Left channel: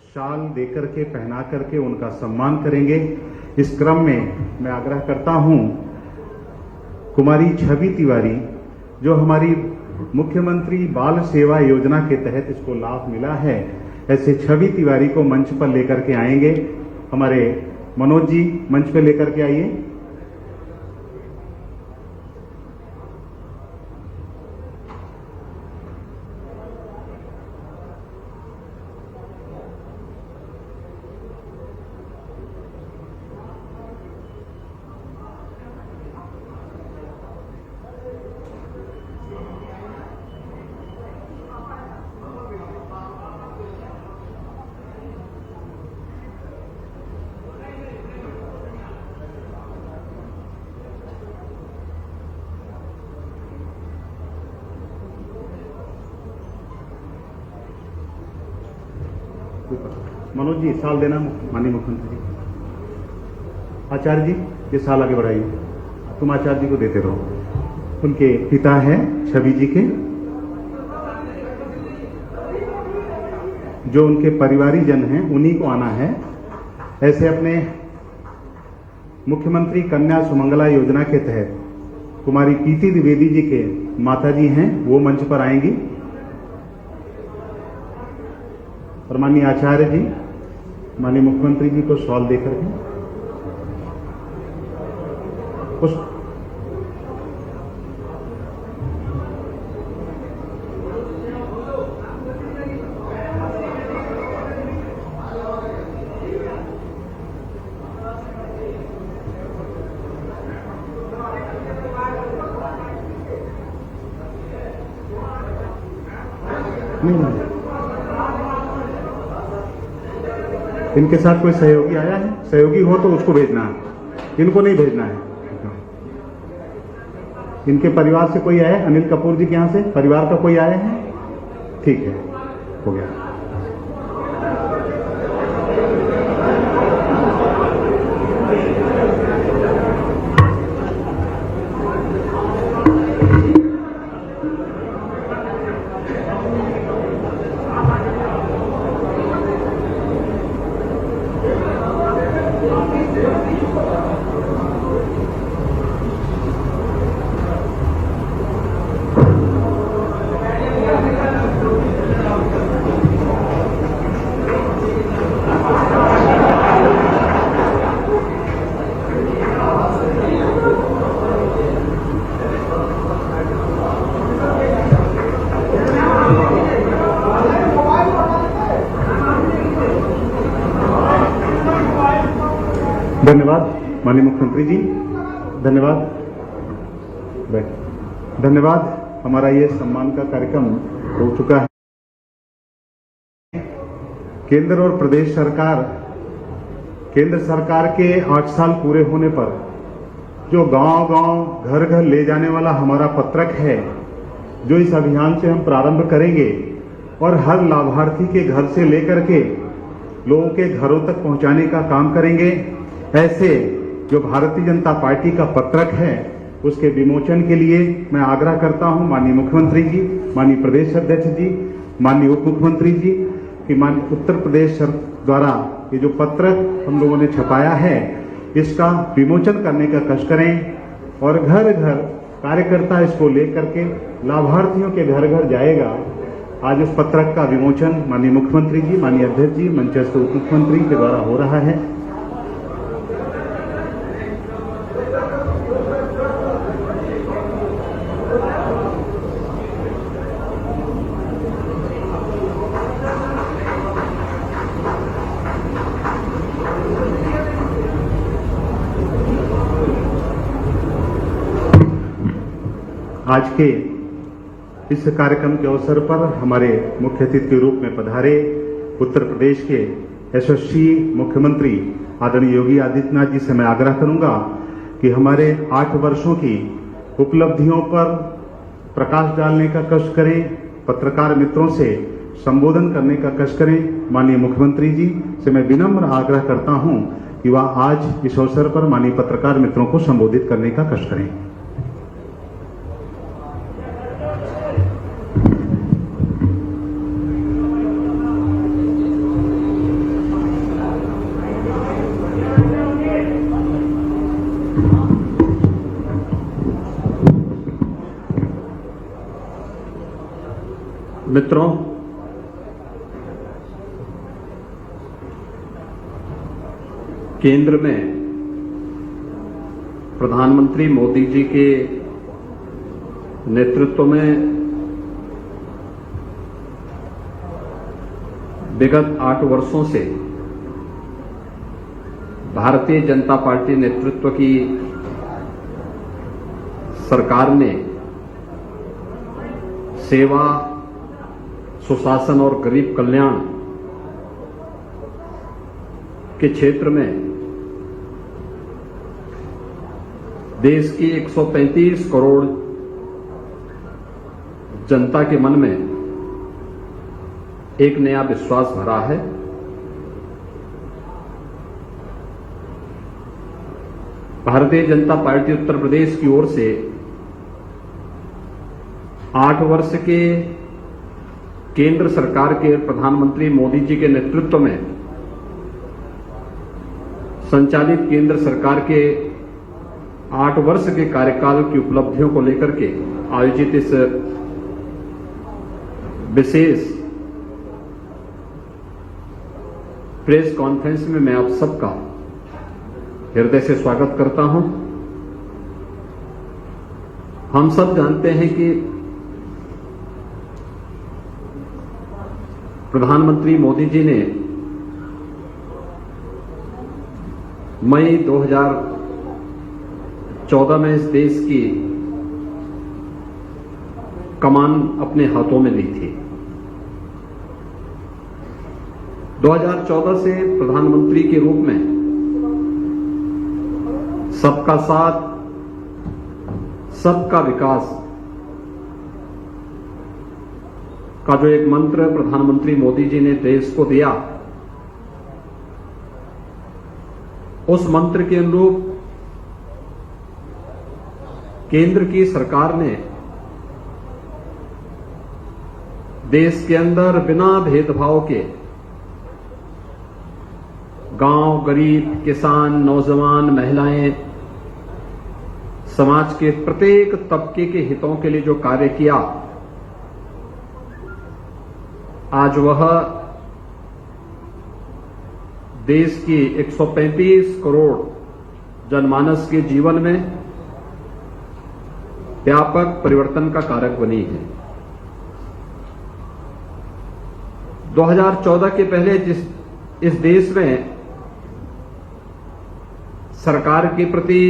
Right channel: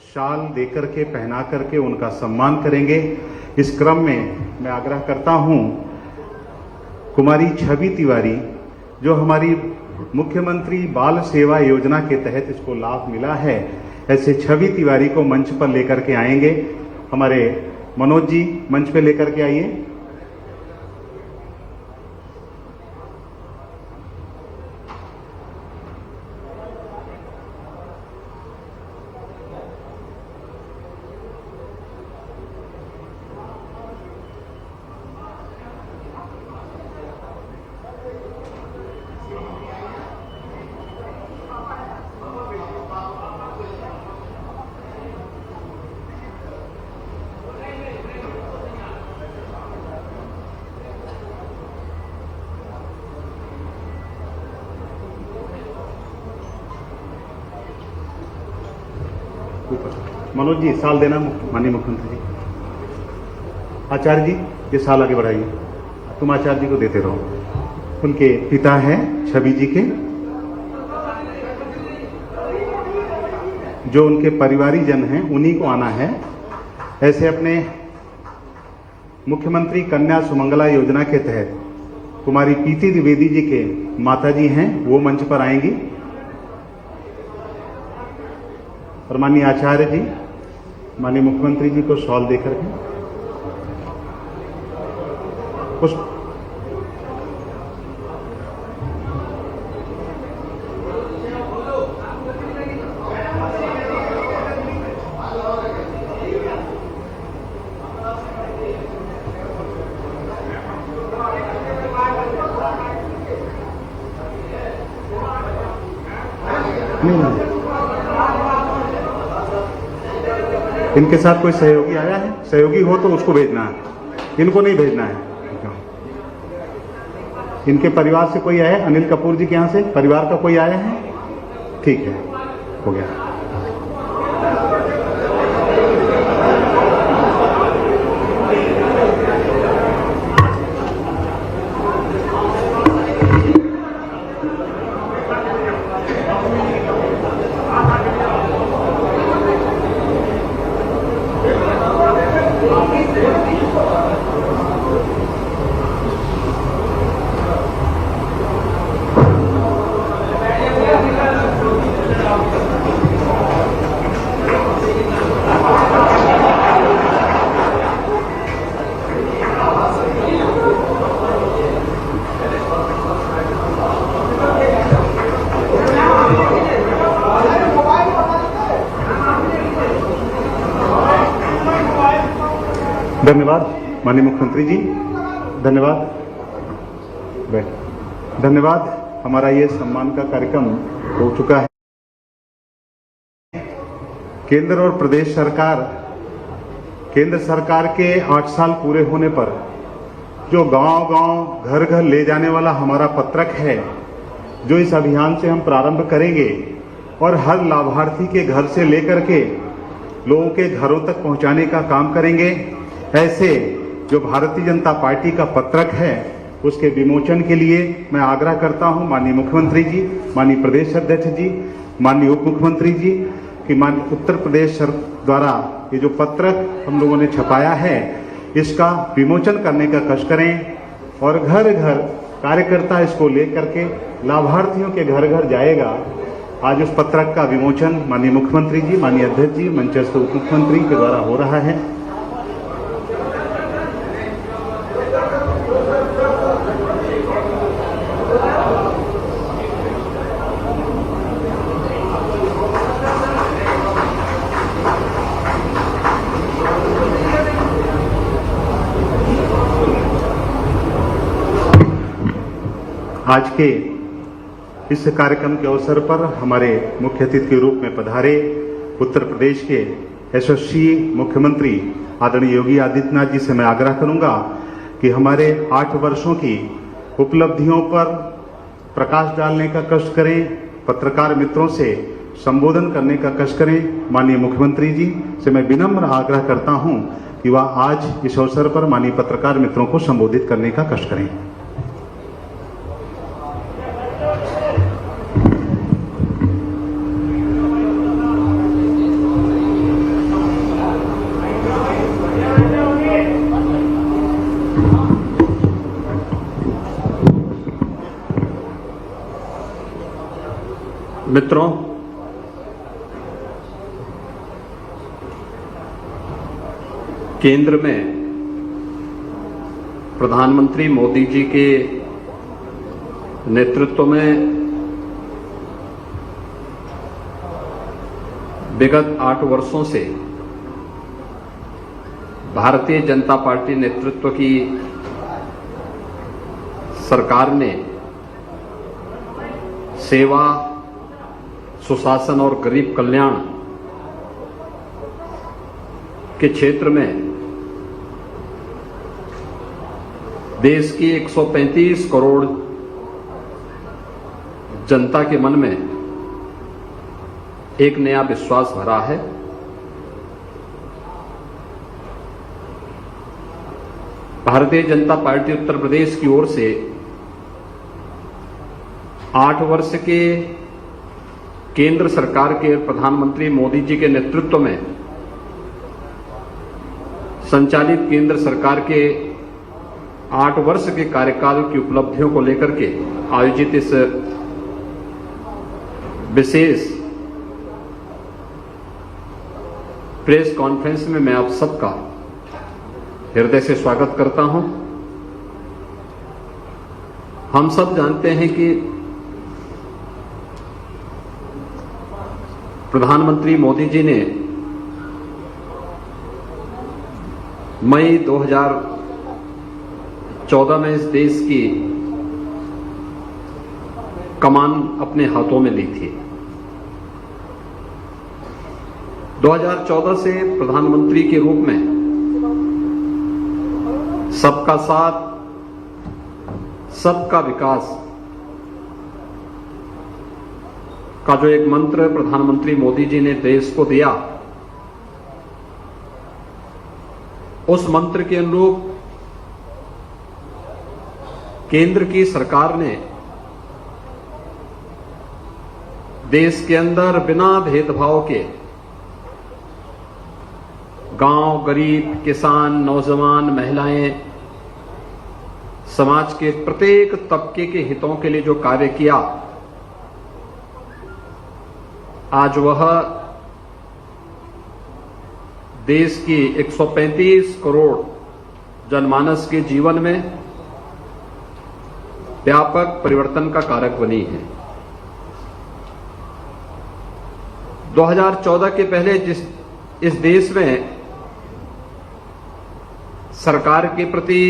शाल देकर के पहना करके उनका सम्मान करेंगे। इस क्रम में मैं आग्रह करता हूं, कुमारी छवि तिवारी जो हमारी मुख्यमंत्री बाल सेवा योजना के तहत इसको लाभ मिला है, ऐसे छवि तिवारी को मंच पर लेकर के आएंगे। हमारे मनोज जी मंच पर लेकर के आइए। मनोज जी साल देना माननीय मुख्यमंत्री जी। आचार्य जी ये साल आगे बढ़ाइए, तुम आचार्य जी को देते रहो। उनके पिता हैं छवि जी के, जो उनके परिवारीजन हैं उन्हीं को आना है। ऐसे अपने मुख्यमंत्री कन्या सुमंगला योजना के तहत कुमारी प्रीति द्विवेदी जी के माताजी हैं, वो मंच पर आएंगी। और माननीय आचार्य जी माननीय मुख्यमंत्री जी को शॉल देकर के पुष्प नहीं। इनके साथ कोई सहयोगी आया है? सहयोगी हो तो उसको भेजना है, इनको नहीं भेजना है। इनके परिवार से कोई आया? अनिल कपूर जी के यहाँ से परिवार का कोई आया है? ठीक है, हो गया। धन्यवाद माननीय मुख्यमंत्री जी, धन्यवाद। धन्यवाद। हमारा ये सम्मान का कार्यक्रम हो चुका है। केंद्र और प्रदेश सरकार, केंद्र सरकार के 8 साल पूरे होने पर जो गांव-गांव घर-घर ले जाने वाला हमारा पत्रक है, जो इस अभियान से हम प्रारंभ करेंगे और हर लाभार्थी के घर से लेकर के लोगों के घरों तक पहुंचाने का काम करेंगे। ऐसे जो भारतीय जनता पार्टी का पत्रक है उसके विमोचन के लिए मैं आग्रह करता हूं माननीय मुख्यमंत्री जी, माननीय प्रदेश अध्यक्ष जी, माननीय उप मुख्यमंत्री जी कि माननीय उत्तर प्रदेश द्वारा ये जो पत्रक हम लोगों ने छपाया है इसका विमोचन करने का कष्ट करें और घर घर कार्यकर्ता इसको लेकर के लाभार्थियों के घर घर जाएगा। आज उस पत्रक का विमोचन माननीय मुख्यमंत्री जी, माननीय अध्यक्ष जी, मंचस्थ उप मुख्यमंत्री के द्वारा हो रहा है। आज के इस कार्यक्रम के अवसर पर हमारे मुख्य अतिथि के रूप में पधारे उत्तर प्रदेश के यशस्वी मुख्यमंत्री आदरणीय योगी आदित्यनाथ जी से मैं आग्रह करूंगा कि हमारे 8 वर्षों की उपलब्धियों पर प्रकाश डालने का कष्ट करें, पत्रकार मित्रों से संबोधन करने का कष्ट करें। माननीय मुख्यमंत्री जी से मैं विनम्र आग्रह करता हूं कि वह आज इस अवसर पर माननीय पत्रकार मित्रों को संबोधित करने का कष्ट करें। मित्रों, केंद्र में प्रधानमंत्री मोदी जी के नेतृत्व में विगत 8 वर्षों से भारतीय जनता पार्टी नेतृत्व की सरकार ने सेवा, सुशासन और गरीब कल्याण के क्षेत्र में देश की 135 करोड़ जनता के मन में एक नया विश्वास भरा है। भारतीय जनता पार्टी उत्तर प्रदेश की ओर से 8 वर्ष के केंद्र सरकार के प्रधानमंत्री मोदी जी के नेतृत्व में संचालित केंद्र सरकार के 8 वर्ष के कार्यकाल की उपलब्धियों को लेकर के आयोजित इस विशेष प्रेस कॉन्फ्रेंस में मैं आप सबका हृदय से स्वागत करता हूं। हम सब जानते हैं कि प्रधानमंत्री मोदी जी ने मई 2014 में इस देश की कमान अपने हाथों में ली थी। 2014 से प्रधानमंत्री के रूप में सबका साथ, सबका विकास का जो एक मंत्र प्रधानमंत्री मोदी जी ने देश को दिया, उस मंत्र के अनुरूप केंद्र की सरकार ने देश के अंदर बिना भेदभाव के गांव, गरीब, किसान, नौजवान, महिलाएं, समाज के प्रत्येक तबके के हितों के लिए जो कार्य किया, आज वह देश की 135 करोड़ जनमानस के जीवन में व्यापक परिवर्तन का कारक बनी है। 2014 के पहले इस देश में सरकार के प्रति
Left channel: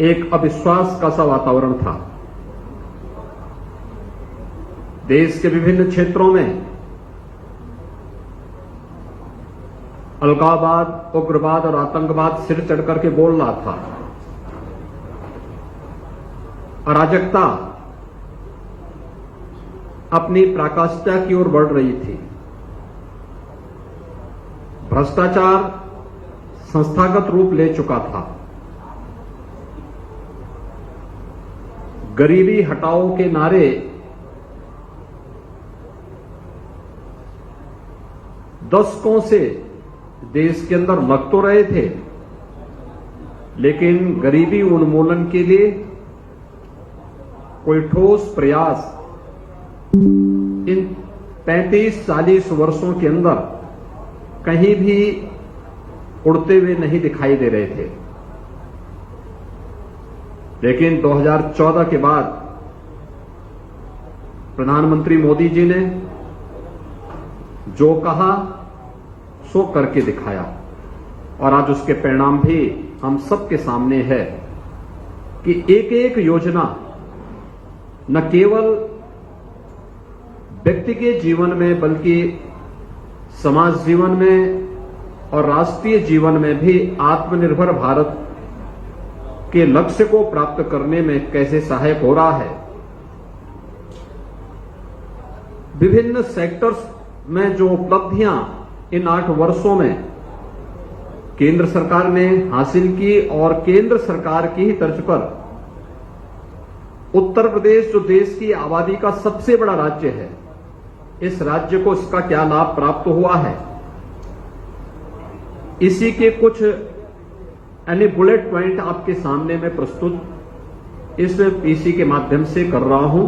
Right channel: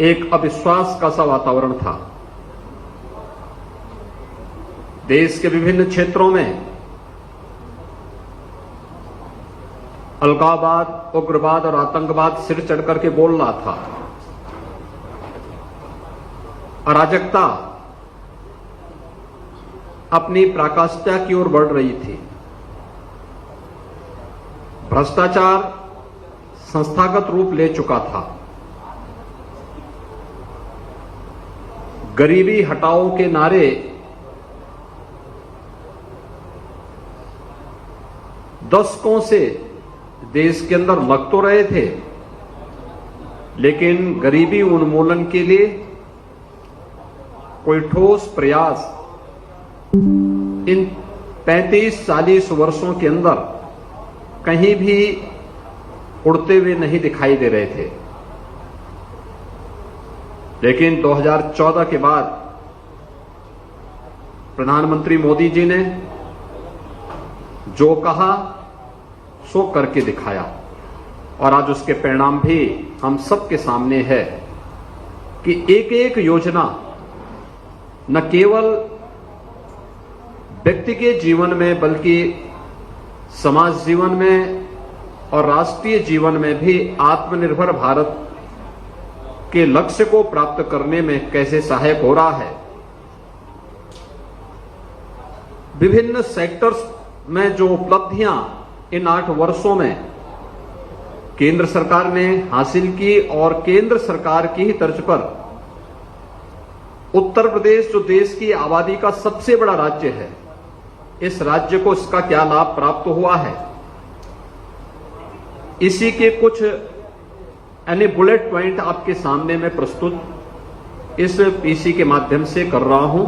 एक अविश्वास का सा वातावरण था। देश के विभिन्न क्षेत्रों में अलगाववाद, उग्रवाद और आतंकवाद सिर चढ़कर के बोल रहा था। अराजकता अपनी पराकाष्ठा की ओर बढ़ रही थी। भ्रष्टाचार संस्थागत रूप ले चुका था। गरीबी हटाओ के नारे दशकों से देश के अंदर लग तो रहे थे, लेकिन गरीबी उन्मूलन के लिए कोई ठोस प्रयास इन 35-40 वर्षों के अंदर कहीं भी उड़ते हुए नहीं दिखाई दे रहे थे। लेकिन 2014 के बाद प्रधानमंत्री मोदी जी ने जो कहा सो करके दिखाया, और आज उसके परिणाम भी हम सबके सामने है कि एक एक योजना न केवल व्यक्ति के जीवन में बल्कि समाज जीवन में और राष्ट्रीय जीवन में भी आत्मनिर्भर भारत के लक्ष्य को प्राप्त करने में कैसे सहायक हो रहा है। विभिन्न सेक्टर्स में जो उपलब्धियां इन 8 वर्षों में केंद्र सरकार ने हासिल की, और केंद्र सरकार की ही तर्ज पर उत्तर प्रदेश जो देश की आबादी का सबसे बड़ा राज्य है, इस राज्य को इसका क्या लाभ प्राप्त हुआ है, इसी के कुछ यानी बुलेट पॉइंट आपके सामने मैं प्रस्तुत इस पीसी के माध्यम से कर रहा हूं।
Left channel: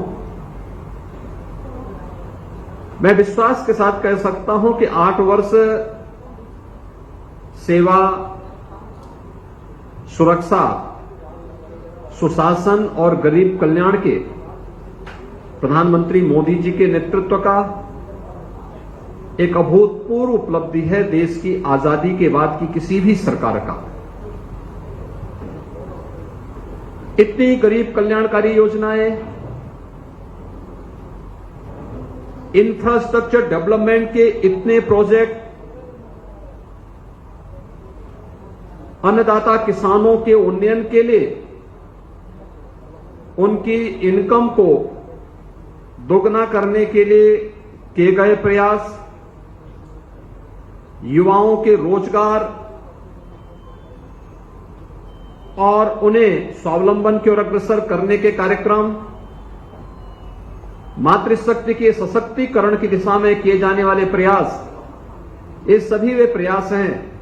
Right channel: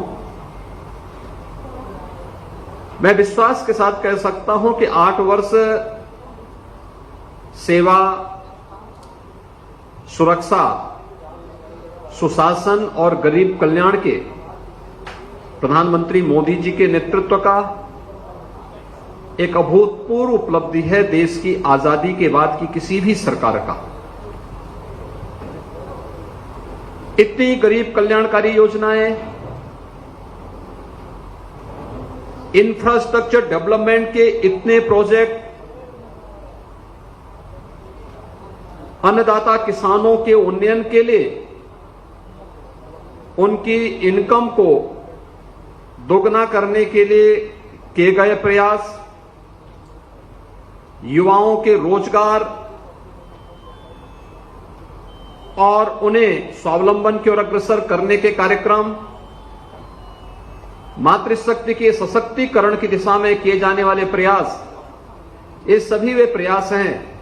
मैं विश्वास के साथ कह सकता हूं कि 8 वर्ष सेवा, सुरक्षा, सुशासन और गरीब कल्याण के प्रधानमंत्री मोदी जी के नेतृत्व का एक अभूतपूर्व उपलब्धि है देश की आजादी के बाद की किसी भी सरकार का। इतनी गरीब कल्याणकारी योजनाएं, इंफ्रास्ट्रक्चर डेवलपमेंट के इतने प्रोजेक्ट, अन्नदाता किसानों के उन्नयन के लिए उनकी इनकम को दोगुना करने के लिए किए गए प्रयास, युवाओं के रोजगार और उन्हें स्वावलंबन की ओर अग्रसर करने के कार्यक्रम, मातृशक्ति के सशक्तिकरण की दिशा में किए जाने वाले प्रयास, ये सभी वे प्रयास हैं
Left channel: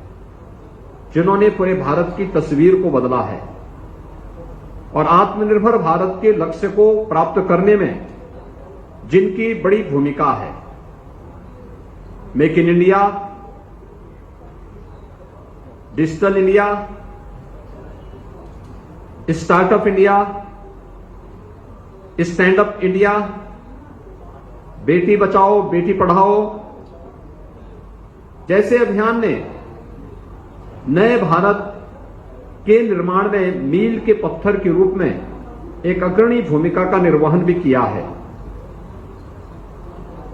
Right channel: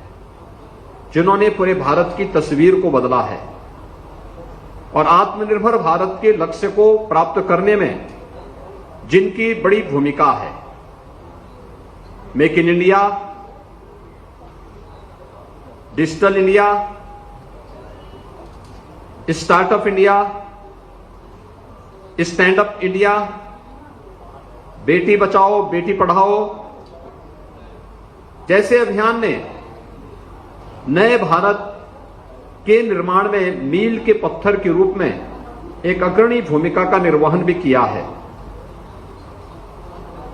जिन्होंने पूरे भारत की तस्वीर को बदला है और आत्मनिर्भर भारत के लक्ष्य को प्राप्त करने में जिनकी बड़ी भूमिका है। Make in India, digital India, startup India, stand up India, Beti Bachao Beti Padhao जैसे अभियान ने नए भारत के निर्माण में मील के पत्थर के रूप में एक अग्रणी भूमिका का निर्वहन भी किया है।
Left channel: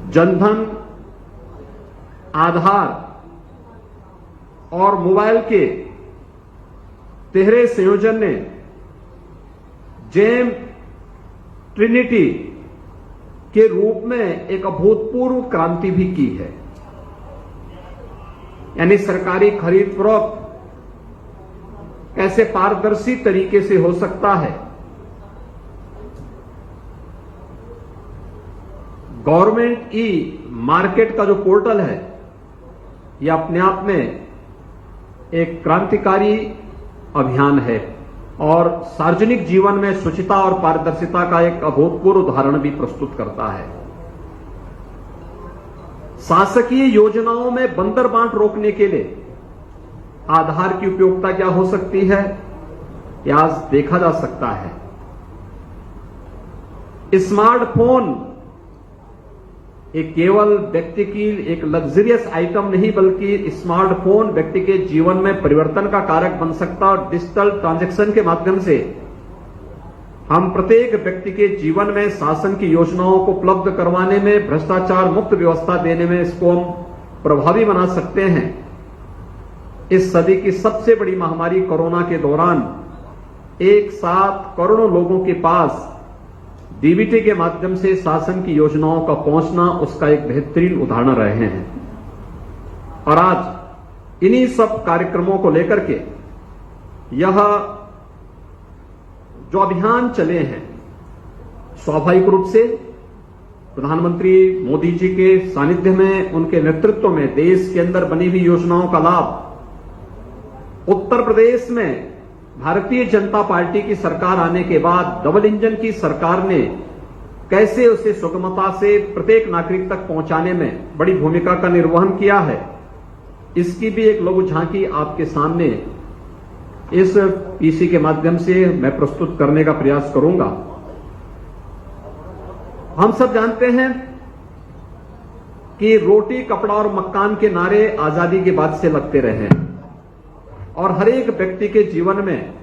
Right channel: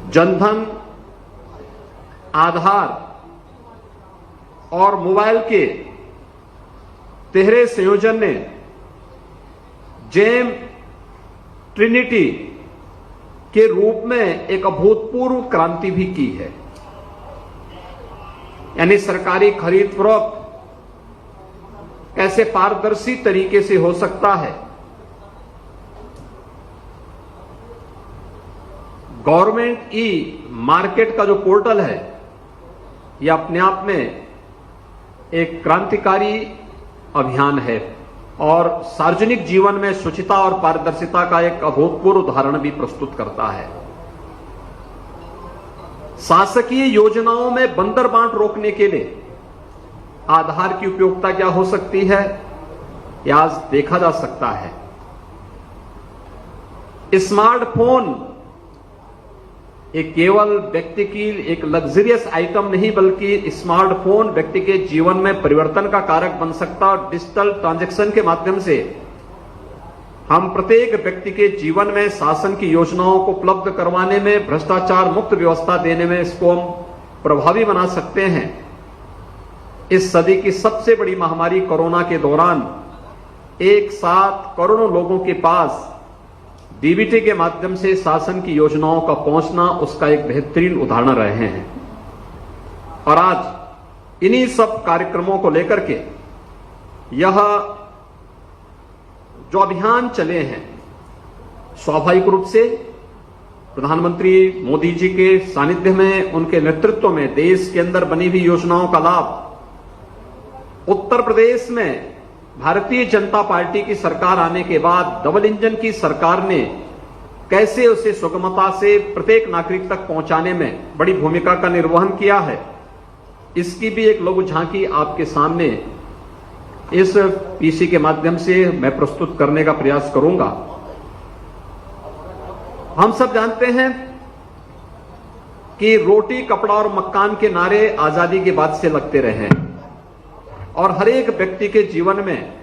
जनधन, आधार और मोबाइल के तिहरे संयोजन ने जेम ट्रिनिटी के रूप में एक अभूतपूर्व क्रांति भी की है। यानी सरकारी खरीद फरोख्त कैसे पारदर्शी तरीके से हो सकता है, गवर्नमेंट ई मार्केट का जो पोर्टल है यह अपने आप में एक क्रांतिकारी अभियान है और सार्वजनिक जीवन में शुचिता और पारदर्शिता का एक अभूतपूर्व उदाहरण भी प्रस्तुत करता है। शासकीय योजनाओं में बंदर बांट रोकने के लिए आधार की उपयोगिता क्या हो सकती है, यह आज देखा जा सकता है। स्मार्टफोन एक केवल व्यक्ति की एक लग्जरियस आइटम नहीं बल्कि स्मार्टफोन व्यक्ति के जीवन में परिवर्तन का कारक बन सकता है और डिजिटल ट्रांजैक्शन के माध्यम से हम प्रत्येक व्यक्ति के जीवन में शासन की योजनाओं को उपलब्ध करवाने में, भ्रष्टाचार मुक्त व्यवस्था देने में इसको हम प्रभावी बना सकते हैं। इस सदी की सबसे बड़ी महामारी कोरोना के दौरान एक साथ करोड़ों लोगों के पास डीबीटी के माध्यम से शासन की योजनाओं का पहुंचना उसका एक बेहतरीन उदाहरण रहे हैं। और आज इन्हीं सब कार्यक्रमों को लेकर के यह जो अभियान चले हैं, स्वाभाविक रूप से प्रधानमंत्री मोदी जी के सानिध्य में, उनके नेतृत्व में देश के अंदर बनी हुई योजनाओं का लाभ उत्तर प्रदेश में भारतीय जनता पार्टी की सरकार आने के बाद डबल इंजन की सरकार ने कैसे उसे सुगमता से प्रत्येक नागरिक तक पहुंचाने में बड़ी भूमिका का निर्वहन किया है, इसकी भी एक लघु झांकी आपके सामने इस पीसी के माध्यम से मैं प्रस्तुत करने का प्रयास करूंगा। हम सब जानते हैं कि रोटी, कपड़ा और मकान के नारे आजादी के बाद से लगते रहे हैं और हर एक व्यक्ति के जीवन में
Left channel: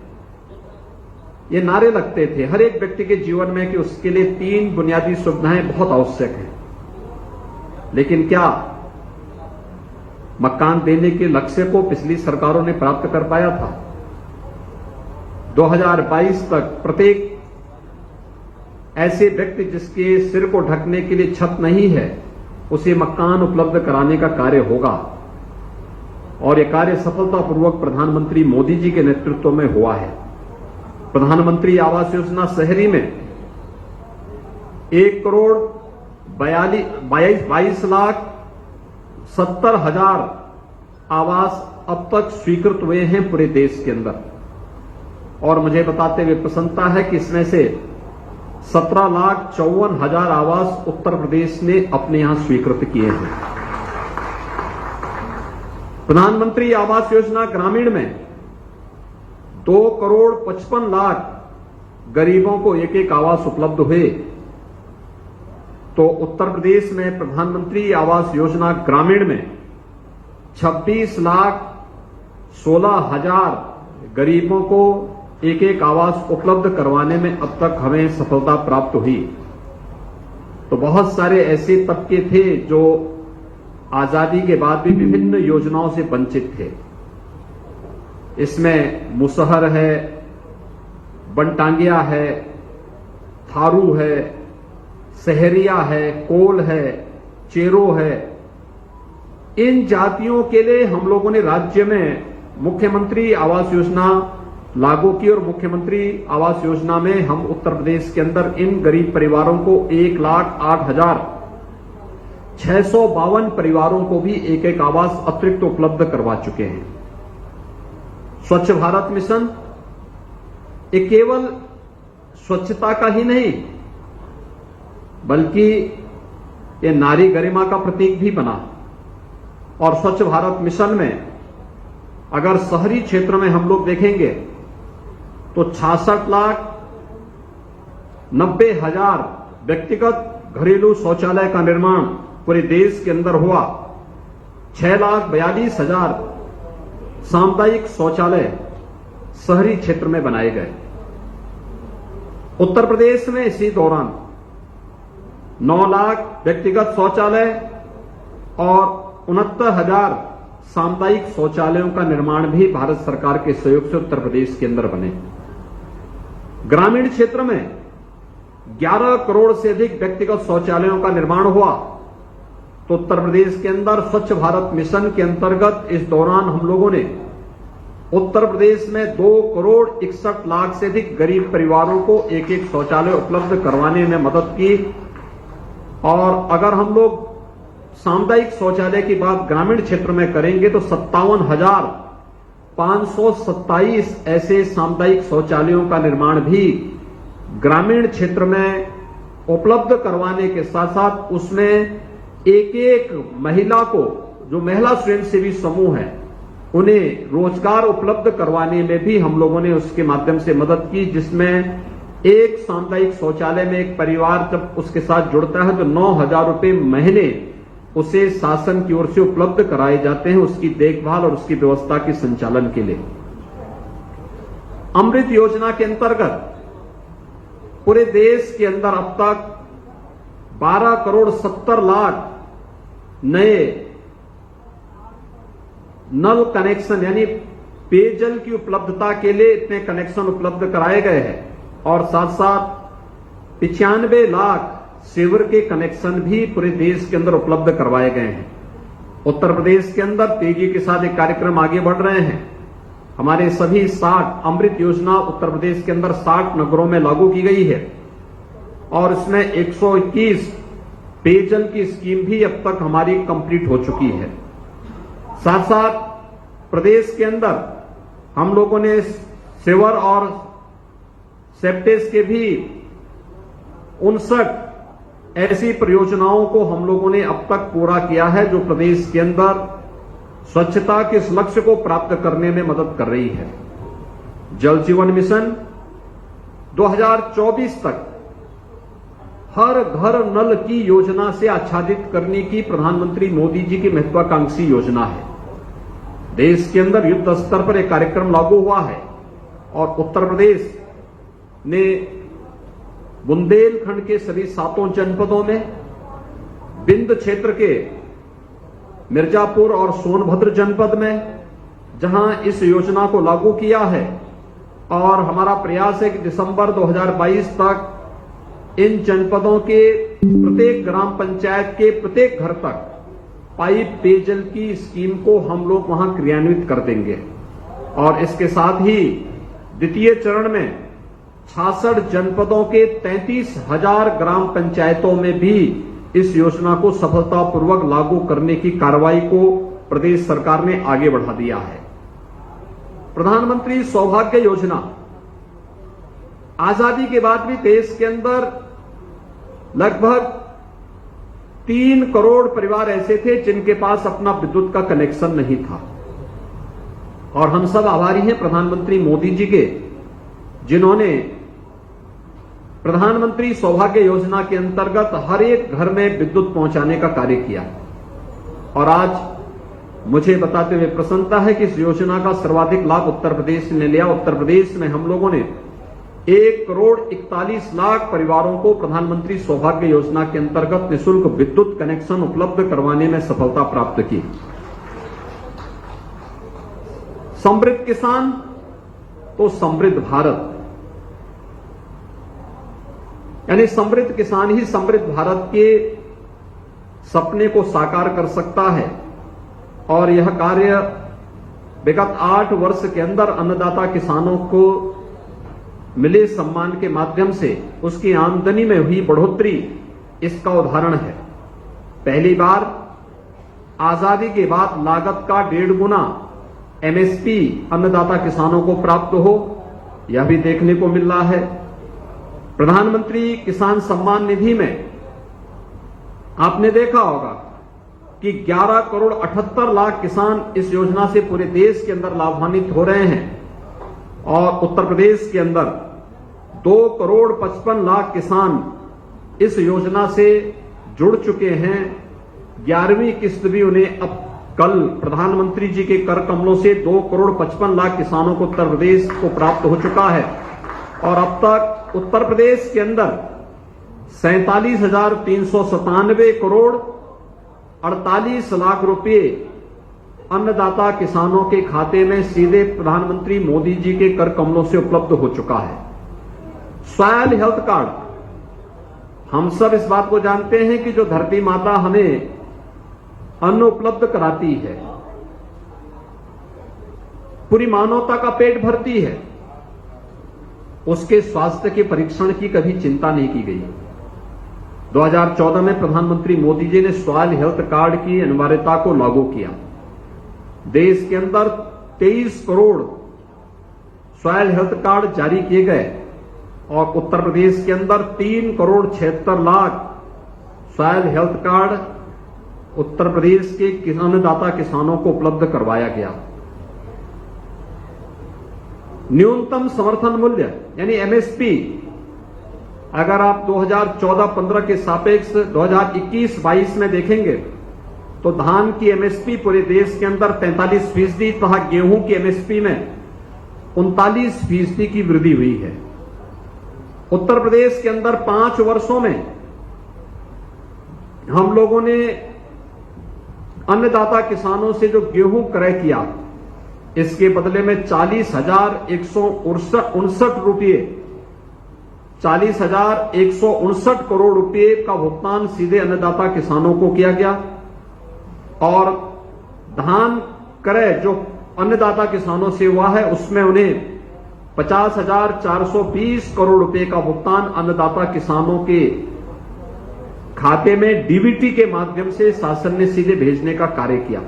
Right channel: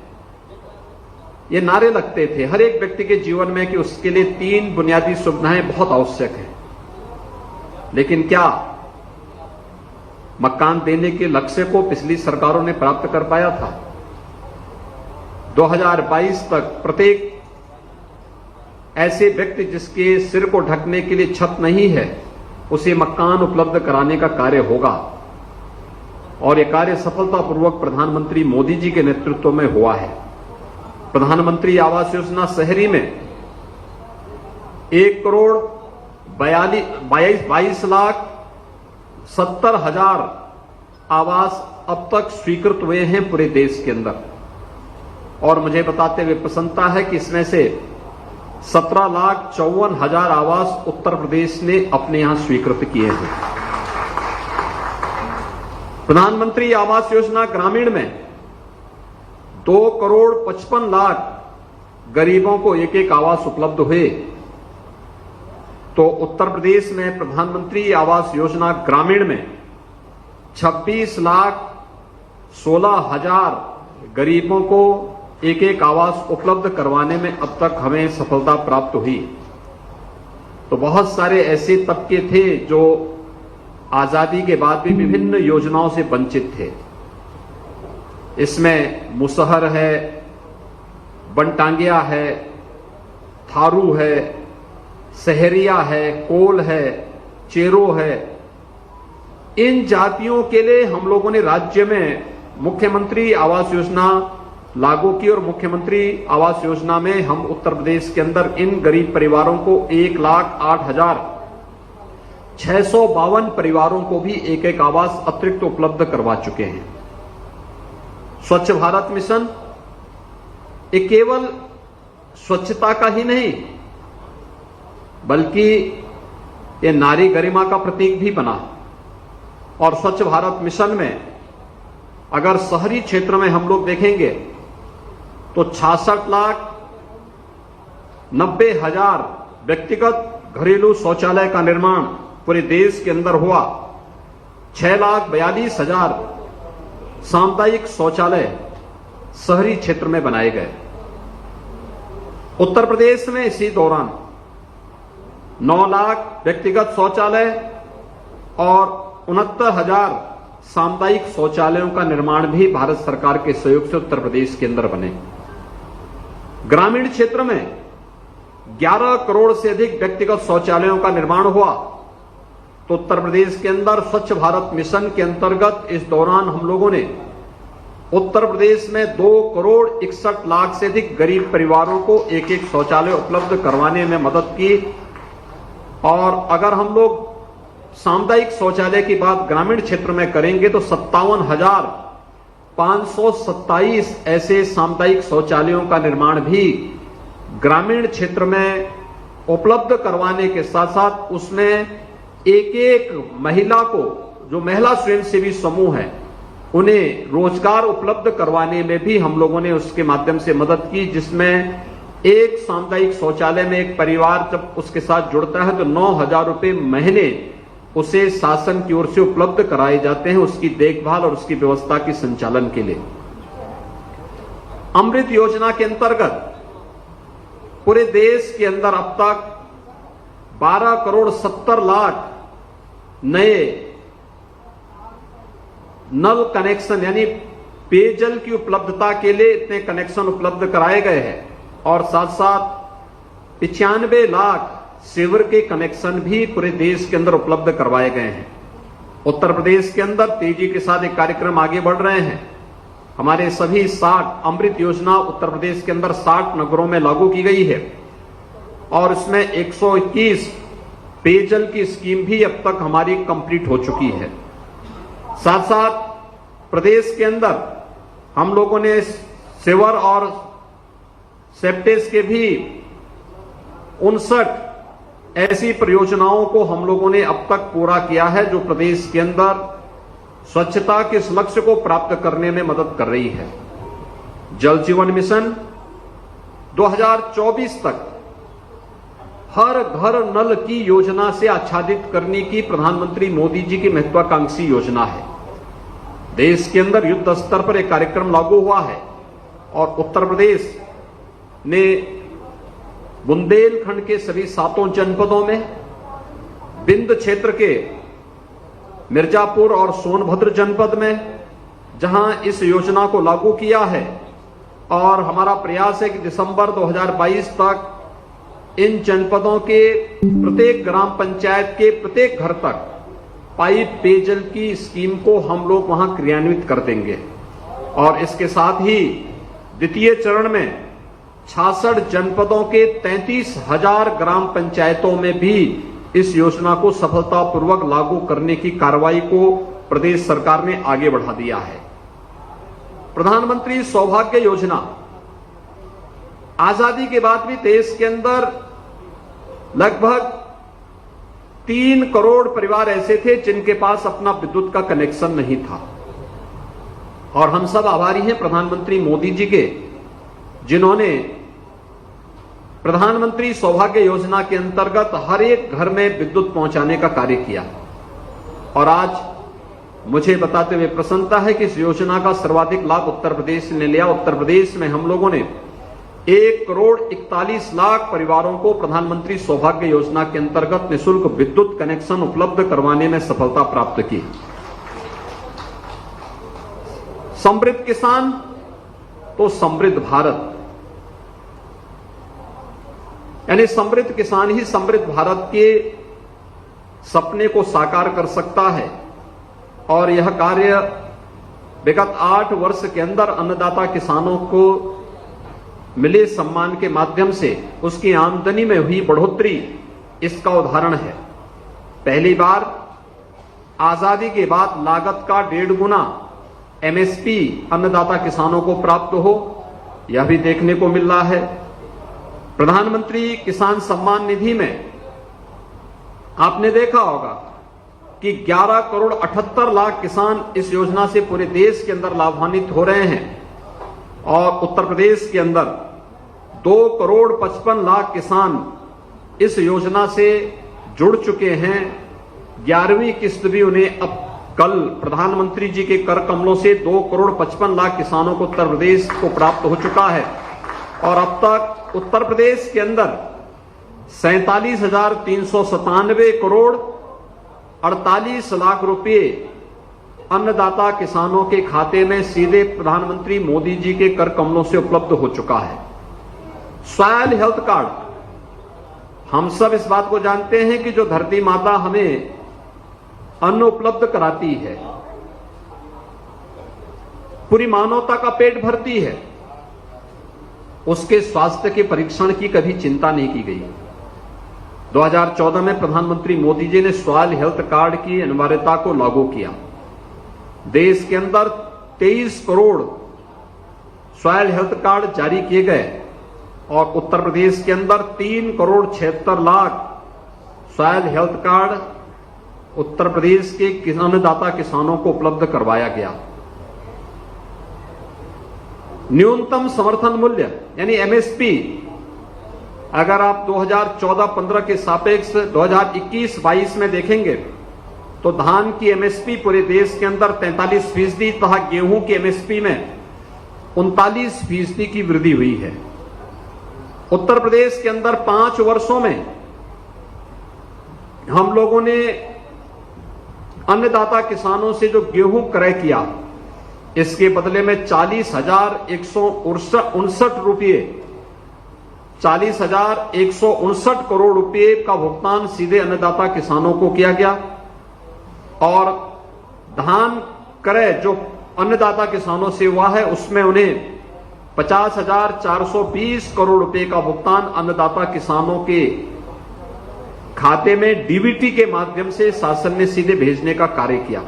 ये नारे लगते थे, हर एक व्यक्ति के जीवन में कि उसके लिए 3 बुनियादी सुविधाएं बहुत आवश्यक हैं। लेकिन क्या मकान देने के लक्ष्य को पिछली सरकारों ने प्राप्त कर पाया था? 2022 तक प्रत्येक ऐसे व्यक्ति जिसके सिर को ढकने के लिए छत नहीं है उसे मकान उपलब्ध कराने का कार्य होगा और यह कार्य सफलतापूर्वक प्रधानमंत्री मोदी जी के नेतृत्व में हुआ है। प्रधानमंत्री आवास योजना शहरी में 1,22,70,000 आवास अब तक स्वीकृत हुए हैं पूरे देश के अंदर और मुझे बताते हुए प्रसन्नता है कि इसमें से 17,54,000 आवास उत्तर प्रदेश ने अपने यहां स्वीकृत किए हैं। प्रधानमंत्री आवास योजना ग्रामीण में 2,55,00,000 गरीबों को एक एक आवास उपलब्ध हुए, तो उत्तर प्रदेश में प्रधानमंत्री आवास योजना ग्रामीण में 26,16,000 गरीबों को एक एक आवास उपलब्ध करवाने में अब तक हमें सफलता प्राप्त हुई। तो बहुत सारे ऐसे तबके थे जो आजादी के बाद भी विभिन्न योजनाओं से वंचित थे। इसमें मुसहर है, बनटांगिया है, थारू है, सहरिया है, कोल है, चेरो है। इन जातियों के लिए हम लोगों ने राज्य में मुख्यमंत्री आवास योजना लागू की और मुख्यमंत्री आवास योजना में हम उत्तर प्रदेश के अंदर इन गरीब परिवारों को 1,08,652 परिवारों को भी एक एक आवास अतिरिक्त उपलब्ध करवा चुके हैं। स्वच्छ भारत मिशन ये केवल स्वच्छता का ही नहीं बल्कि ये नारी गरिमा का प्रतीक भी बना। और स्वच्छ भारत मिशन में अगर शहरी क्षेत्र में हम लोग देखेंगे तो 66,90,000 व्यक्तिगत घरेलू शौचालय का निर्माण पूरे देश के अंदर हुआ। 6,42,000 सामुदायिक शौचालय शहरी क्षेत्र में बनाए गए। उत्तर प्रदेश में इसी दौरान 9 लाख व्यक्तिगत शौचालय और 69,000 सामुदायिक शौचालयों का निर्माण भी भारत सरकार के सहयोग से उत्तर प्रदेश के अंदर बने। ग्रामीण क्षेत्र में 11 करोड़ से अधिक व्यक्तिगत शौचालयों का निर्माण हुआ। तो उत्तर प्रदेश के अंदर स्वच्छ भारत मिशन के अंतर्गत इस दौरान हम लोगों ने उत्तर प्रदेश में 2,61,00,000 से अधिक गरीब परिवारों को एक एक शौचालय उपलब्ध करवाने में मदद की। और अगर हम लोग सामुदायिक शौचालय की बात ग्रामीण क्षेत्र में करेंगे तो 57,527 ऐसे सामुदायिक शौचालयों का निर्माण भी ग्रामीण क्षेत्र में उपलब्ध करवाने के साथ साथ उसमें एक एक महिला को, जो महिला स्वयंसेवी समूह है, उन्हें रोजगार उपलब्ध करवाने में भी हम लोगों ने उसके माध्यम से मदद की। जिसमें एक सामुदायिक शौचालय में एक परिवार जब उसके साथ जुड़ता है तो 9,000 रुपए महीने उसे शासन की ओर से उपलब्ध कराए जाते हैं उसकी देखभाल और उसकी व्यवस्था के संचालन के लिए। अमृत योजना के अंतर्गत पूरे देश के अंदर अब तक 12,70,00,000 नए नल कनेक्शन यानी पेयजल की उपलब्धता के लिए इतने कनेक्शन उपलब्ध कराए गए हैं और साथ साथ 95 लाख सीवर के कनेक्शन भी पूरे देश के अंदर उपलब्ध करवाए गए हैं। उत्तर प्रदेश के अंदर तेजी के साथ एक कार्यक्रम आगे बढ़ रहे हैं। हमारे सभी 60 अमृत योजना उत्तर प्रदेश के अंदर 60 नगरों में लागू की गई है और इसमें 121 पेयजल की स्कीम भी अब तक हमारी कंप्लीट हो चुकी है। साथ साथ प्रदेश के अंदर हम लोगों ने सीवर और सेप्टेज के भी 59 ऐसी परियोजनाओं को हम लोगों ने अब तक पूरा किया है जो प्रदेश के अंदर स्वच्छता के इस लक्ष्य को प्राप्त करने में मदद कर रही है। जल जीवन मिशन 2024 तक हर घर नल की योजना से आच्छादित करने की प्रधानमंत्री मोदी जी की महत्वाकांक्षी योजना है। देश के अंदर युद्ध स्तर पर एक कार्यक्रम लागू हुआ है और उत्तर प्रदेश ने बुंदेलखंड के सभी 7 जनपदों में, विंध्य क्षेत्र के मिर्जापुर और सोनभद्र जनपद में जहां इस योजना को लागू किया है और हमारा प्रयास है कि दिसंबर 2022 तक इन जनपदों के प्रत्येक ग्राम पंचायत के प्रत्येक घर तक पाइप पेयजल की स्कीम को हम लोग वहां क्रियान्वित कर देंगे। और इसके साथ ही द्वितीय चरण में 66 जनपदों के 33,000 ग्राम पंचायतों में भी इस योजना को सफलतापूर्वक लागू करने की कार्रवाई को प्रदेश सरकार ने आगे बढ़ा दिया है। प्रधानमंत्री सौभाग्य योजना आजादी के बाद भी देश के अंदर लगभग 3 करोड़ परिवार ऐसे थे जिनके पास अपना विद्युत का कनेक्शन नहीं था। और हम सब आभारी हैं प्रधानमंत्री मोदी जी के, जिन्होंने प्रधानमंत्री सौभाग्य योजना के अंतर्गत हर एक घर में विद्युत पहुंचाने का कार्य किया। और आज मुझे बताते हुए प्रसन्नता है कि इस योजना का सर्वाधिक लाभ उत्तर प्रदेश ने लिया। उत्तर प्रदेश में हम लोगों ने 1 करोड़ 41 लाख परिवारों को प्रधानमंत्री सौभाग्य योजना के अंतर्गत निःशुल्क विद्युत कनेक्शन उपलब्ध करवाने में सफलता प्राप्त की। समृद्ध किसान तो समृद्ध भारत, यानी समृद्ध किसान ही समृद्ध भारत के सपने को साकार कर सकता है। और यह कार्य विगत 8 वर्ष के अंदर अन्नदाता किसानों को मिले सम्मान के माध्यम से उसकी आमदनी में हुई बढ़ोतरी इसका उदाहरण है। पहली बार आजादी के बाद लागत का 1.5 गुना एमएसपी अन्नदाता किसानों को प्राप्त हो, यह भी देखने को मिल रहा है। प्रधानमंत्री किसान सम्मान निधि में आपने देखा होगा कि 11 करोड़ 78 लाख किसान इस योजना से पूरे देश के अंदर लाभान्वित हो रहे हैं। और उत्तर प्रदेश के अंदर 2 करोड़ 55 लाख किसान इस योजना से जुड़ चुके हैं। 11वीं किस्त भी उन्हें अब कल प्रधानमंत्री जी के कर कमलों से 2 करोड़ 55 लाख किसानों को उत्तर प्रदेश को प्राप्त हो चुका है। और अब तक उत्तर प्रदेश के अंदर 47,397 करोड़ 48 लाख रुपए अन्नदाता किसानों के खाते में सीधे प्रधानमंत्री मोदी जी के कर कमलों से उपलब्ध हो चुका है। सॉयल हेल्थ कार्ड, हम सब इस बात को जानते हैं कि जो धरती माता हमें अन्न उपलब्ध कराती है, पूरी मानवता का पेट भरती है, उसके स्वास्थ्य के परीक्षण की कभी चिंता नहीं की गई। 2014 में प्रधानमंत्री मोदी जी ने सॉयल हेल्थ कार्ड की अनिवार्यता को लागू किया। देश के अंदर 23 करोड़ सॉयल हेल्थ कार्ड जारी किए गए और उत्तर प्रदेश के अंदर 3 crore 76 lakh soil health card Uttar Pradesh के अन्नदाता किसानों को उपलब्ध करवाया गया। न्यूनतम समर्थन मूल्य यानी एमएसपी, अगर आप 2014-15 के सापेक्ष 2021-22 में देखेंगे तो धान की एमएसपी पूरे देश के अंदर 43% तथा गेहूं की एमएसपी में 39% की वृद्धि हुई है। उत्तर प्रदेश के अंदर 5 वर्षों में हम लोगों ने अन्नदाता किसानों से जो गेहूं क्रय किया, इसके बदले में 40,159 रुपये 40,159 करोड़ रुपए का भुगतान सीधे अन्नदाता किसानों को किया गया। और धान क्रय जो अन्नदाता किसानों से हुआ है उसमें उन्हें 50,420 करोड़ रुपए का भुगतान अन्नदाता किसानों के खाते में डीबीटी के माध्यम से शासन ने सीधे भेजने का कार्य किया।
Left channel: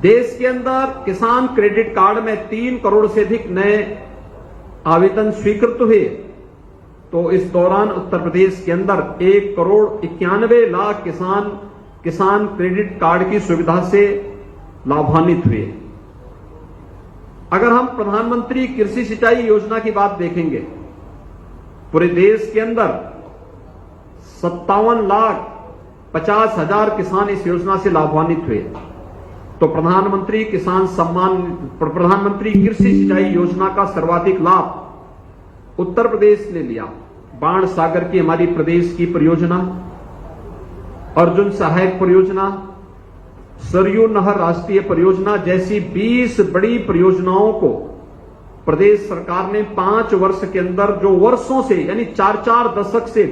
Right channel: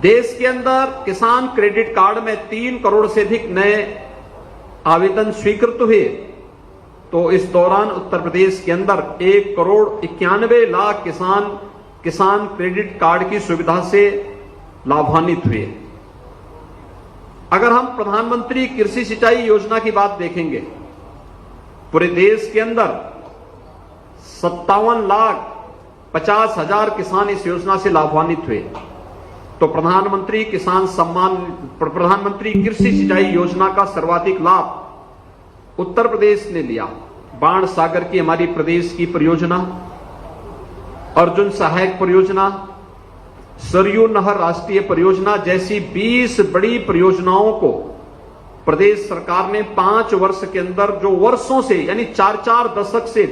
देश के अंदर किसान क्रेडिट कार्ड में 3 करोड़ से अधिक नए आवेदन स्वीकृत हुए, तो इस दौरान उत्तर प्रदेश के अंदर 1 करोड़ 91 लाख किसान क्रेडिट कार्ड की सुविधा से लाभान्वित हुए। अगर हम प्रधानमंत्री कृषि सिंचाई योजना की बात देखेंगे, पूरे देश के अंदर 57,50,000 किसान इस योजना से लाभान्वित हुए। तो प्रधानमंत्री कृषि सिंचाई योजना का सर्वाधिक लाभ उत्तर प्रदेश ने लिया। बाण सागर की हमारी प्रदेश की परियोजना, अर्जुन सहायक परियोजना, सरयू नहर राष्ट्रीय परियोजना जैसी 20 बड़ी परियोजनाओं को प्रदेश सरकार ने 5 वर्ष के अंदर, जो वर्षों से यानी 4-4 दशक से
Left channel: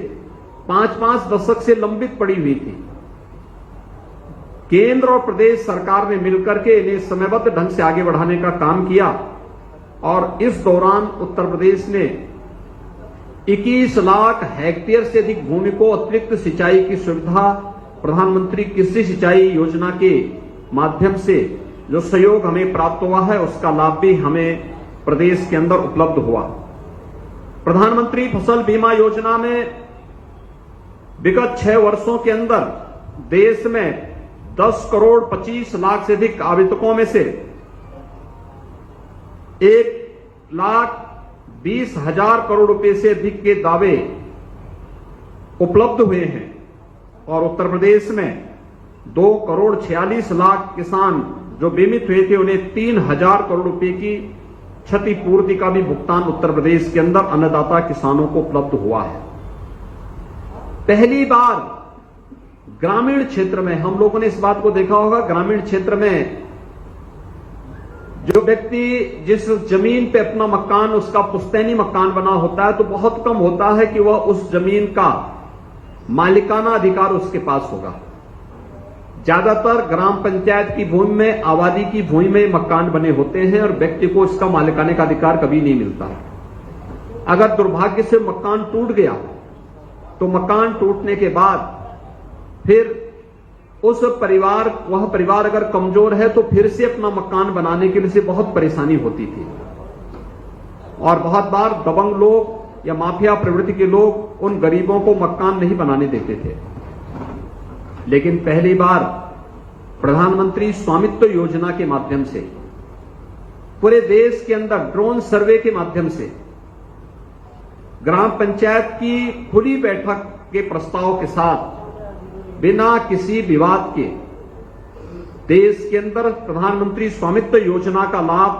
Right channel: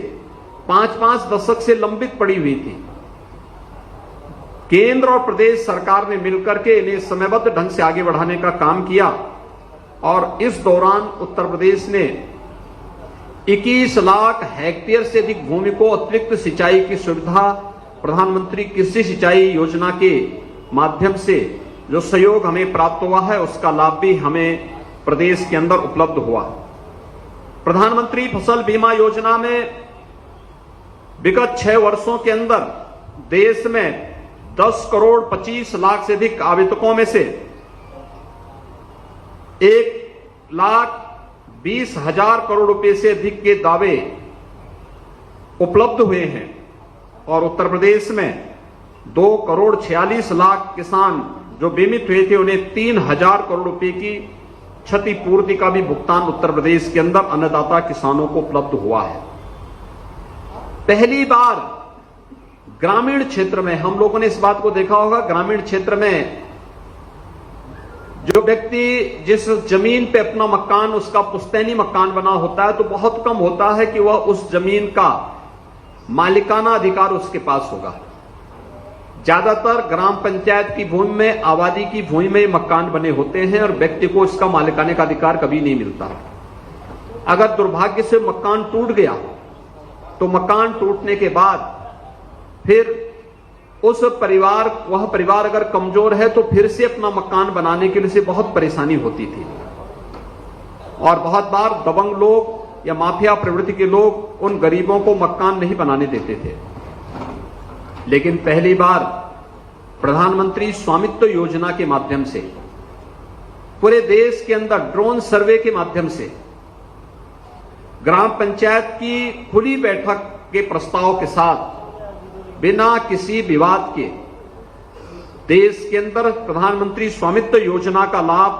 5-5 दशक से लंबित पड़ी हुई थी, केंद्र और प्रदेश सरकार ने मिलकर के इन्हें समयबद्ध ढंग से आगे बढ़ाने का काम किया। और इस दौरान उत्तर प्रदेश ने 21 लाख हेक्टेयर से अधिक भूमि को अतिरिक्त सिंचाई की सुविधा प्रधानमंत्री कृषि सिंचाई योजना के माध्यम से जो सहयोग हमें प्राप्त हुआ है, उसका लाभ भी हमें प्रदेश के अंदर उपलब्ध हुआ। प्रधानमंत्री फसल बीमा योजना में विगत 6 वर्षों के अंदर देश में 10 करोड़ 25 लाख से अधिक आवेदकों में से 1,20,000 करोड़ रुपए से अधिक के दावे उपलब्ध हुए हैं और उत्तर प्रदेश में 2 करोड़ 46 लाख किसान जो बीमित हुए थे उन्हें 3,000 करोड़ रुपए की क्षतिपूर्ति का भी भुगतान उत्तर प्रदेश के अंदर अन्नदाता किसानों को उपलब्ध हुआ है। पहली बार ग्रामीण क्षेत्र में हम लोगों ने इस बात को देखा होगा, ग्रामीण क्षेत्र में जो व्यक्ति जिस जमीन पे अपना मकान उसका पुश्तैनी मकान बना होता है तो बहुत कम होता है कि वह उस जमीन का मालिकाना अधिकार उसके पास होगा। ज्यादातर ग्राम पंचायत की भूमि में, आबादी की भूमि में मकान बने होते हैं और व्यक्ति को इसका मालिकाने का अधिकार कभी नहीं मिलता है। अगर दुर्भाग्य से मकान टूट गया तो मकान टूटने के बाद फिर वह परिवार अगर कमजोर है तो फिर से अपना मकान बनाने के लिए बहुत परेशानी होती थी और बहुत बार दबंग लोग या माफिया प्रवृत्ति के लोग उन गरीबों को मकान नहीं बनाने देते थे। लेकिन पहली बार प्रधानमंत्री स्वामित्व योजना के माध्यम से पूरे देश के अंदर ड्रोन सर्वे के माध्यम से ग्राम पंचायत की खुली बैठक के प्रस्ताव के साथ बिना किसी विवाद के देश के अंदर प्रधानमंत्री स्वामित्व योजना का लाभ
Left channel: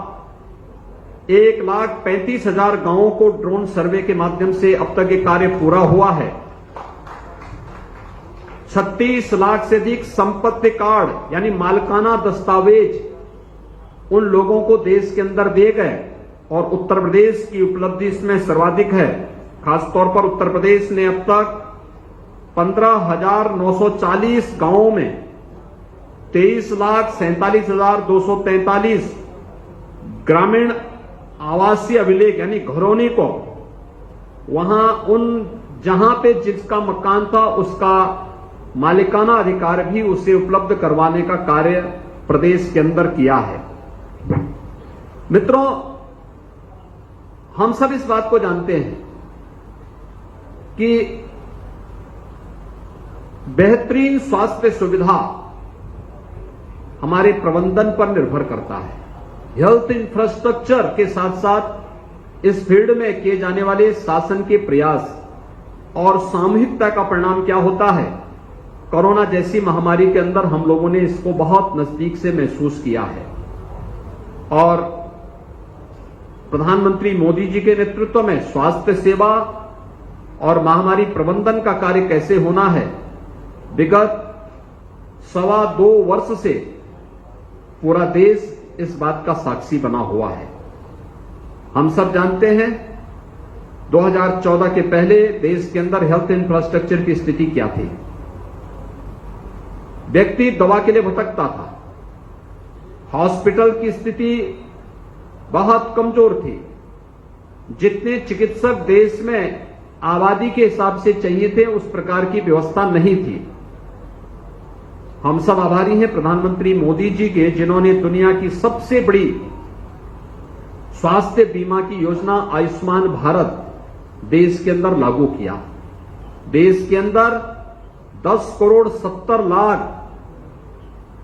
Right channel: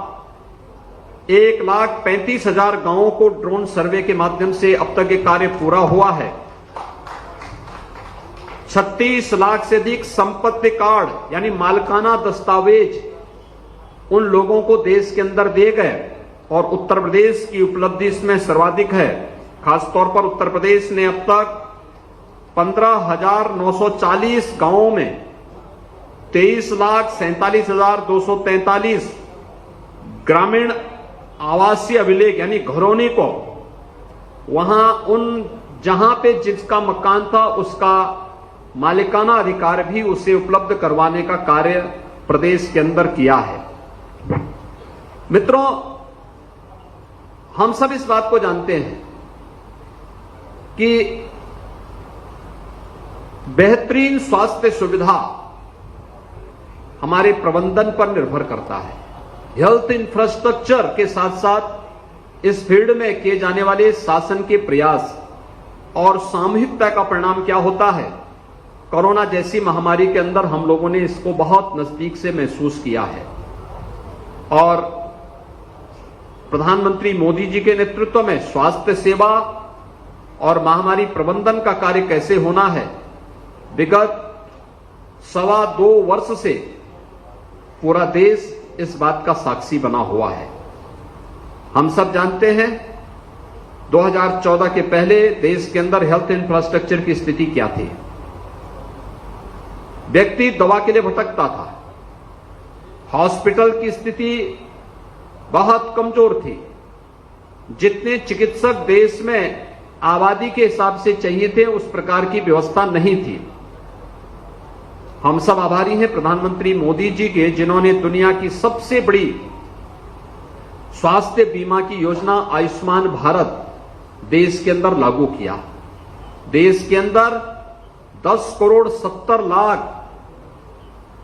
1,35,000 गांवों को ड्रोन सर्वे के माध्यम से अब तक ये कार्य पूरा हुआ है। 36 लाख से अधिक संपत्ति कार्ड यानी मालिकाना दस्तावेज उन लोगों को देश के अंदर दिए गए और उत्तर प्रदेश की उपलब्धि इसमें सर्वाधिक है। खासतौर पर उत्तर प्रदेश ने अब तक 15,940 गांवों में 23,47,243 ग्रामीण आवासीय अभिलेख यानी घरौनी को वहां उन जहां पे जिसका मकान था उसका मालिकाना अधिकार भी उसे उपलब्ध करवाने का कार्य प्रदेश के अंदर किया है। मित्रों, हम सब इस बात को जानते हैं कि बेहतरीन स्वास्थ्य सुविधा हमारे प्रबंधन पर निर्भर करता है। हेल्थ इंफ्रास्ट्रक्चर के साथ साथ इस फील्ड में किए जाने वाले शासन के प्रयास और सामूहिकता का परिणाम क्या होता है। कोरोना जैसी महामारी के अंदर हम लोगों ने इसको बहुत नजदीक से महसूस किया है और प्रधानमंत्री मोदी जी के नेतृत्व में स्वास्थ्य सेवा और महामारी प्रबंधन का कार्य कैसे होना है, विगत 2.25 वर्ष से पूरा देश इस बात का साक्षी बना हुआ है। हम सब जानते हैं 2014 के पहले देश के अंदर हेल्थ इंफ्रास्ट्रक्चर की स्थिति क्या थी। व्यक्ति दवा के लिए भटकता था, हॉस्पिटल की स्थिति बहुत कमजोर थी, जितने चिकित्सक देश में आबादी के हिसाब से चाहिए थे उस प्रकार की व्यवस्था नहीं थी। हम सब आभारी हैं प्रधानमंत्री मोदी जी के, जिन्होंने दुनिया की सबसे बड़ी स्वास्थ्य बीमा की योजना आयुष्मान भारत देश के अंदर लागू किया। देश के अंदर 10 करोड़ 70 लाख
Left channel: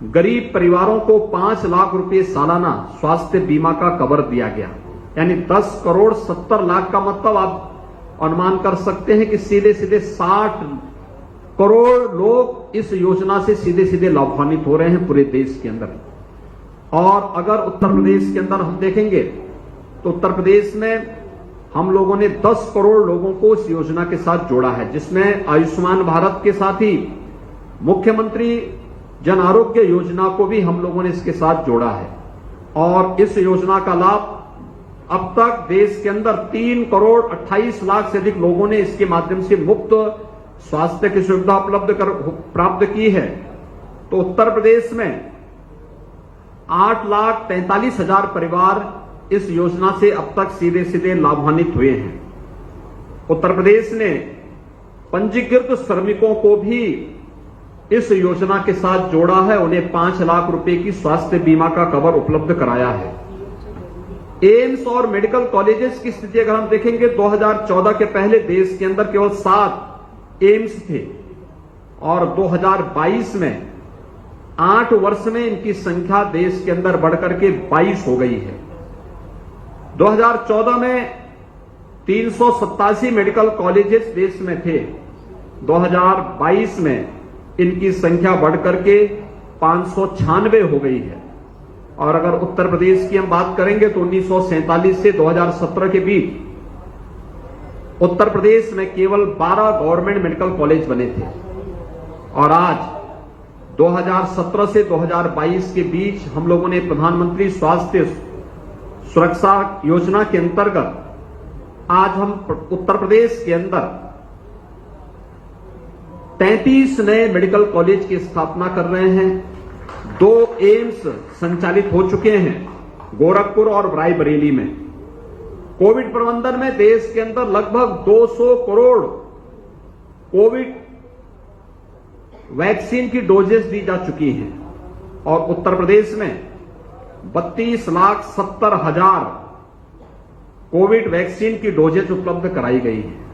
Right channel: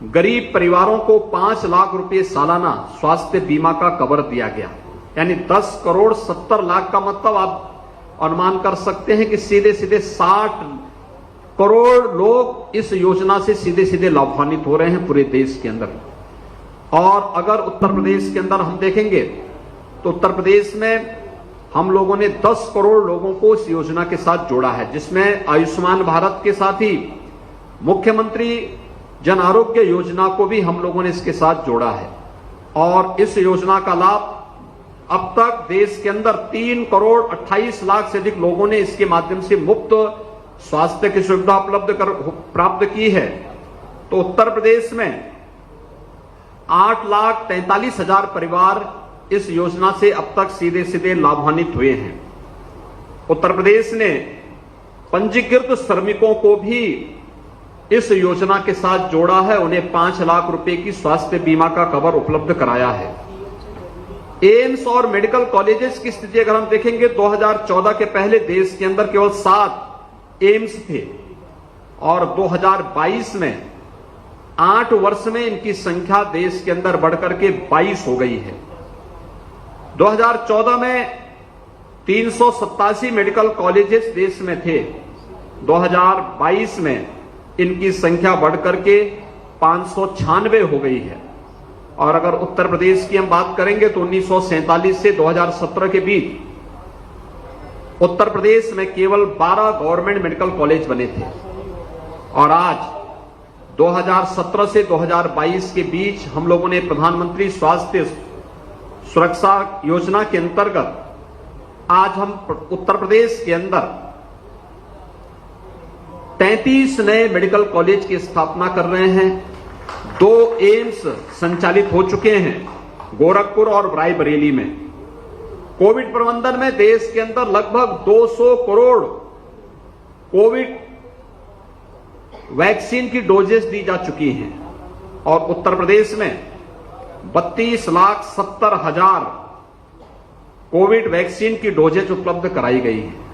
गरीब परिवारों को 5 लाख रुपए सालाना स्वास्थ्य बीमा का कवर दिया गया। यानी 10 करोड़ 70 लाख का मतलब आप अनुमान कर सकते हैं कि सीधे सीधे 60 करोड़ लोग इस योजना से सीधे सीधे लाभान्वित हो रहे हैं पूरे देश के अंदर। और अगर उत्तर प्रदेश के अंदर हम देखेंगे तो उत्तर प्रदेश में हम लोगों ने 10 करोड़ लोगों को इस योजना के साथ जोड़ा है, जिसमें आयुष्मान भारत के साथ ही मुख्यमंत्री जन आरोग्य योजना को भी हम लोगों ने इसके साथ जोड़ा है। और इस योजना का लाभ अब तक देश के अंदर 3 करोड़ 28 लाख से अधिक लोगों ने इसके माध्यम से मुफ्त स्वास्थ्य की सुविधा प्राप्त की है। तो उत्तर प्रदेश में 8,43,000 परिवार इस योजना से अब तक सीधे सीधे लाभान्वित हुए हैं। उत्तर प्रदेश ने पंजीकृत श्रमिकों को भी इस योजना के साथ जोड़ा है, उन्हें 5 लाख रुपए की स्वास्थ्य बीमा का कवर उपलब्ध कराया है। एम्स और मेडिकल कॉलेजेस की स्थिति अगर हम देखेंगे 2014 के पहले देश के अंदर केवल 7 एम्स थे और 2022 में 8 वर्ष में इनकी संख्या देश के अंदर बढ़कर के 22 हो गई है। 2014 में 387 मेडिकल कॉलेजेस देश में थे, 2022 में इनकी संख्या बढ़कर के 596 हो गई है। और अगर उत्तर प्रदेश की हम बात करेंगे तो 1947 से 2017 के बीच उत्तर प्रदेश में केवल 12 गवर्नमेंट मेडिकल कॉलेज बने थे और आज 2017 से 2022 के बीच हम लोगों ने प्रधानमंत्री स्वास्थ्य सुरक्षा योजना के अंतर्गत आज हम उत्तर प्रदेश के अंदर 33 नए मेडिकल कॉलेज की स्थापना कर रहे हैं। 2 एम्स संचालित हो चुके हैं गोरखपुर और रायबरेली में। कोविड प्रबंधन में देश के अंदर लगभग 200 करोड़ कोविड वैक्सीन की डोजेस दी जा चुकी हैं और उत्तर प्रदेश में 32,70,000 कोविड वैक्सीन की डोजेज उपलब्ध कराई गई है।